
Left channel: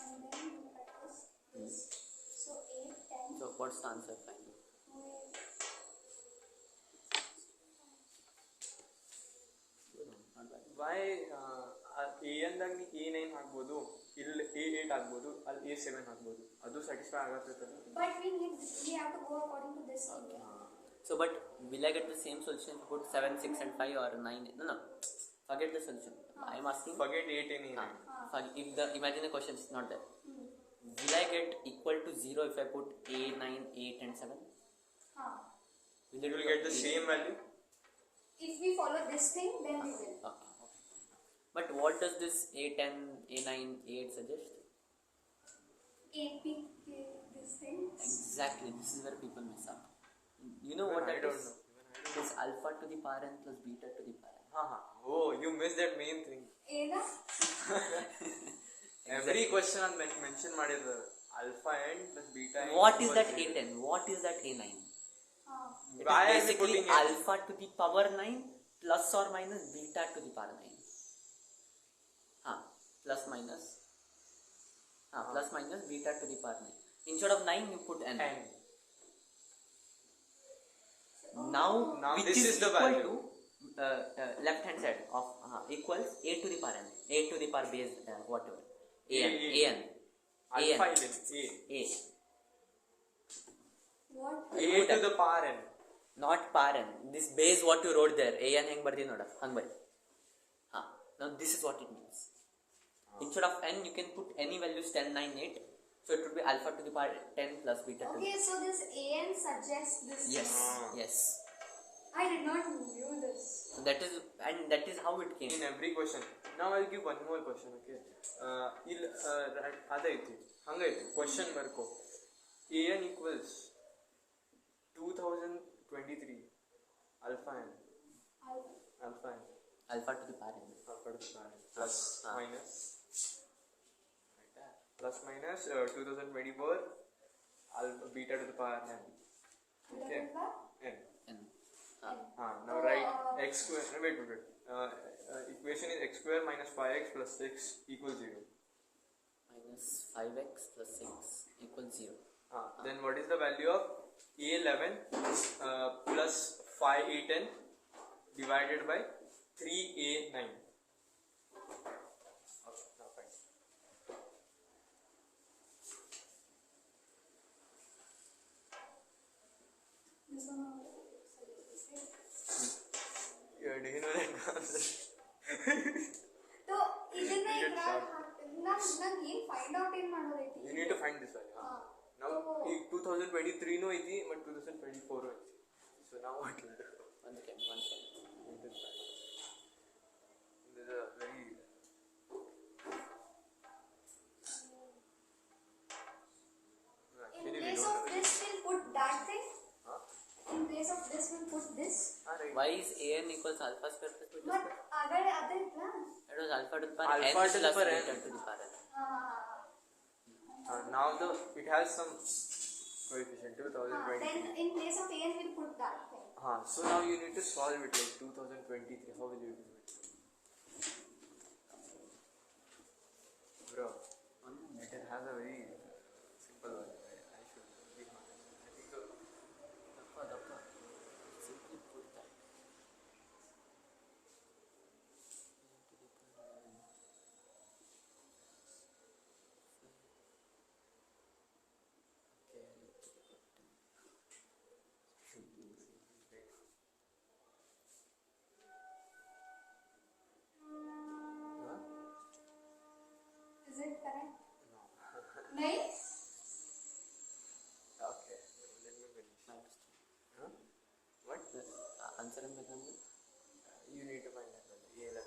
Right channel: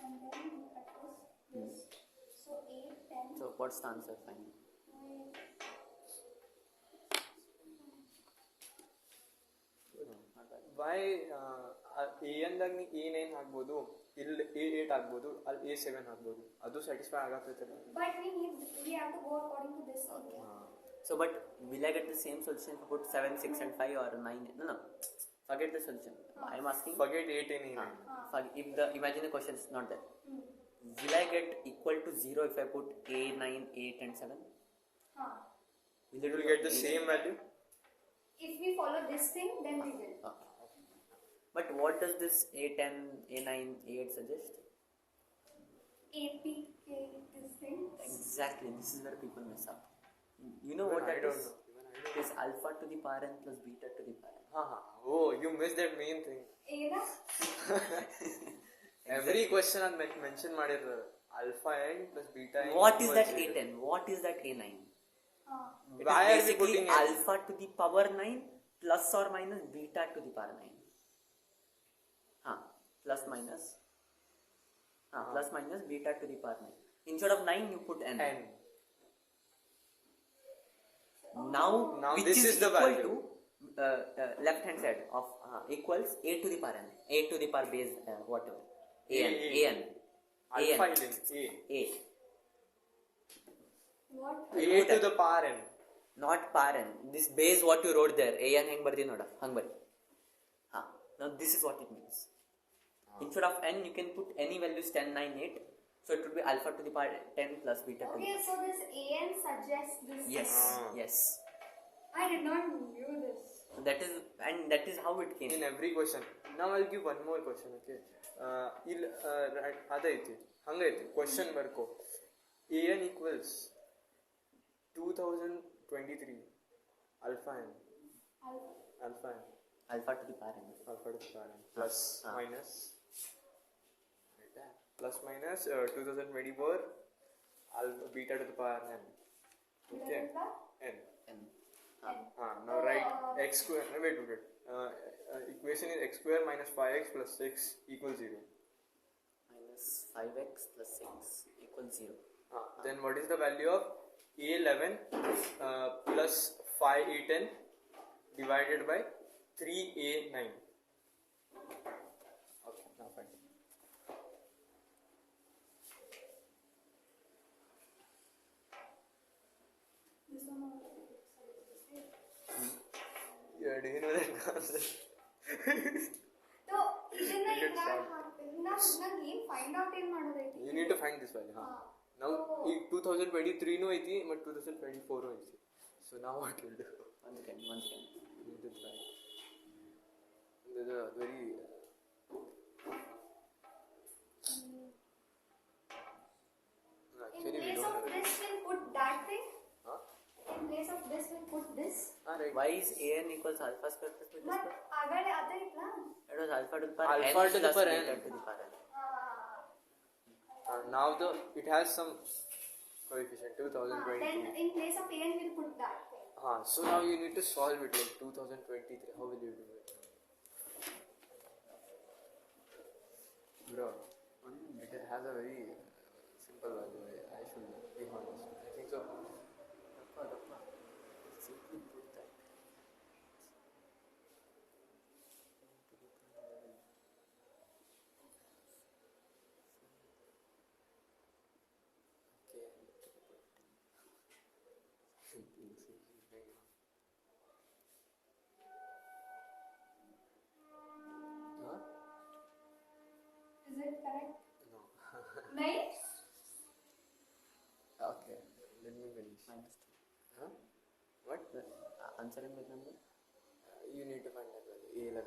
And then we cut this. So 8, 10, So what's the answer finally? 2, Not bad. why an ದಾಗ ನೀ a9 ಹಾಕ್ಬೋದು ಇಲ್ಲಿ a8 ಹಾಕ್ಬೋದು ಅಲ್ಲಿ a7 ಹಾಕ್ಬೋದು ಅದು satisfy ಆಗತ್ತೆ But we have to go according to this. Okay. So but will I get the same solution if I put 7, 6 and 5 or 9? No. Forget the solution. I'm asking. forget 8 and a9 If the imagine the question is not there. Will I get equal to 0 if I put a 9, 8 and 7? Will you will get the same value If we follow this thing, then we will. Okay. But what does this a10, a9, a8 suggest? AP, this thing. Exactly. This is where people mess up. You know what I that don't is? know. It is alpha to the power n plus beta to the power n. oh you missed that main thing Ena? every question on mention ಮಾಡಿರ್ತಾರೆ alpha n plus beta n What is equals that 0. a10? What is that a9? It Why is are you basically putting it? alpha to the power 9 plus or minus beta to the power 9. Plus minus. Plus minus beta to the power 9. Instead of 9 you put n. n Now Now which this is the equal value. to left hand side of equals a to the power n. A to the power base whatever. an. alpha an. in A. What? a to the power n Not power n. This base what you wrote there. an hang bardi noda. Hang bari. Now this is what it means. Instead of n you can put any values 10, 9, 8. So it would be alpha to the power 10 plus beta to the Okay, so this AN suggests this. Yes. Yes. I did not knew this. So that is how it came. in every question now I'll give one more question okay ಇಲ್ಲಿ ಅದೈತಿ ಹಂಗೈತಿ question ಬರ್ಕೋ an equals 2023 alpha n. Alpha. Alpha n. Alpha to the power n. Alpha to the power n. Plus minus. Plus minus 2024 alpha beta to the power n. Okay. N. N. Now write x square. No, wait. Equation is x square minus 5x plus 6 equals 0. Minus 5x plus 6 equals 0. Then what is the value of a11 plus 5a10 divided by 3a9? Okay, now fine. This one. Yeah, do you know that answer? So ಇದನ್ನ ಇದ್ರಾಗ ಹಾಕ್ತೀನಿ ನಾನು ಏನು find out ಏನು ಮಾಡೋದೈತಿ You need to find this value. Now, 2023 no ಐತಿ, but 2024 ಐತಿ. So now what will do? One second. You need to try. There's a very in place of this we'll put that thing. In place of this we'll put this. right. Why is an equals alpha square plus beta But square? ಆಗಲೇ ಅದೇ ಇತ್ಲಾ It was alpha to the power Alpha n to the plus power beta n. to the power n. Now it has some coefficient then 2023. in place of an we'll put that thing. So now you need to solve it like 2023. How will you do it? Bro, it has a very simple value. I should be honest. I think so. Dappa. Simply put that. Is it correct? No. Nice. Okay, let me finish. Minus 2. What? Answer in big number? You need to find that value. A11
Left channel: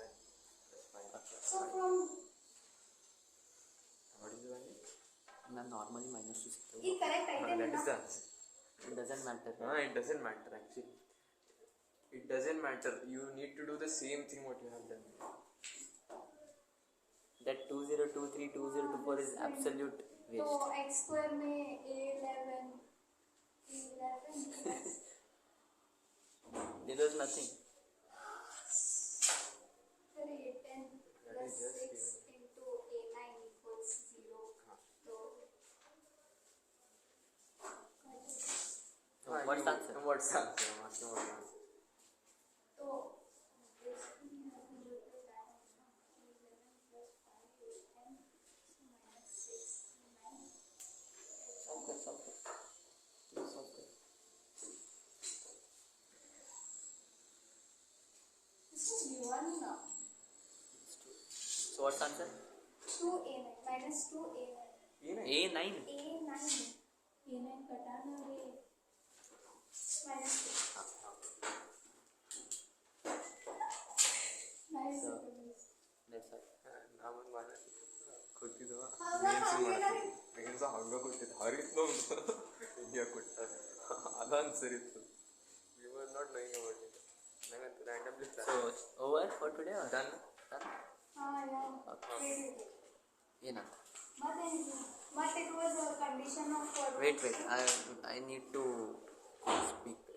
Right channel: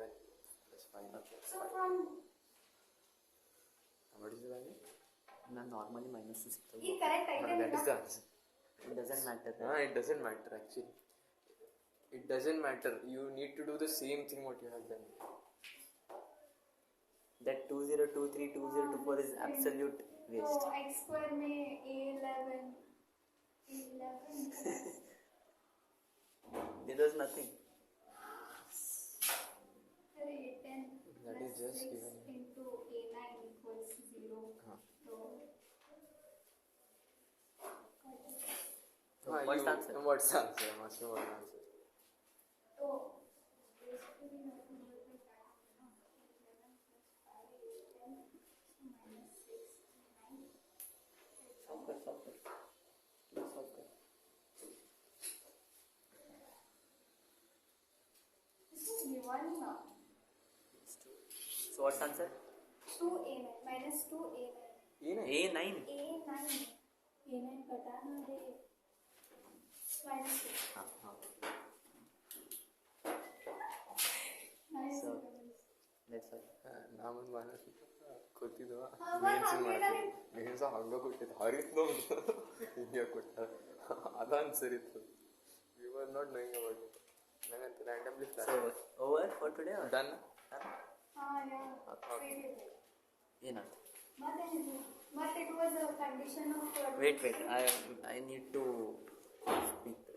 plus 5. Okay. So from What is the value? Ma'am, normally minus 2 6. ಈ correct item That is ಇಲ್ಲ. the answer. It doesn't matter. No, it doesn't matter actually. It doesn't matter. You need to do the same thing what you have done. That 2023 2024 is absolute तो waste. x square में a11 There was nothing. फिर a10 That plus is just 6 given. into a9 equals 0. तो So what's the answer? What's the answer? I'm asking what the answer. तो basically nothing but the time ना 11 plus 5 a10 minus 6 9. Solve कर. Please solve कर. This is given now. So what's the answer? 2a9 minus 2a9 A9. a9 कटाना है minus 2. Nice. So that's all. ನಾನು ಮನಸ್ಸು ಕೊಟ್ಟಿದ್ದು ಹಂಗ ಹಂಗ ಕೊಟ್ಟಿದ್ದು ಹರಿತ್ತು ಹಿಂಗೆ ಕೊಟ್ಟ ಅದನ್ಸರಿತ್ತು you are not knowing about it ನಂಗಂತ randomly So over for today or done done? wait. ಏನಂತ? But it was a condition of Wait. I need to speak.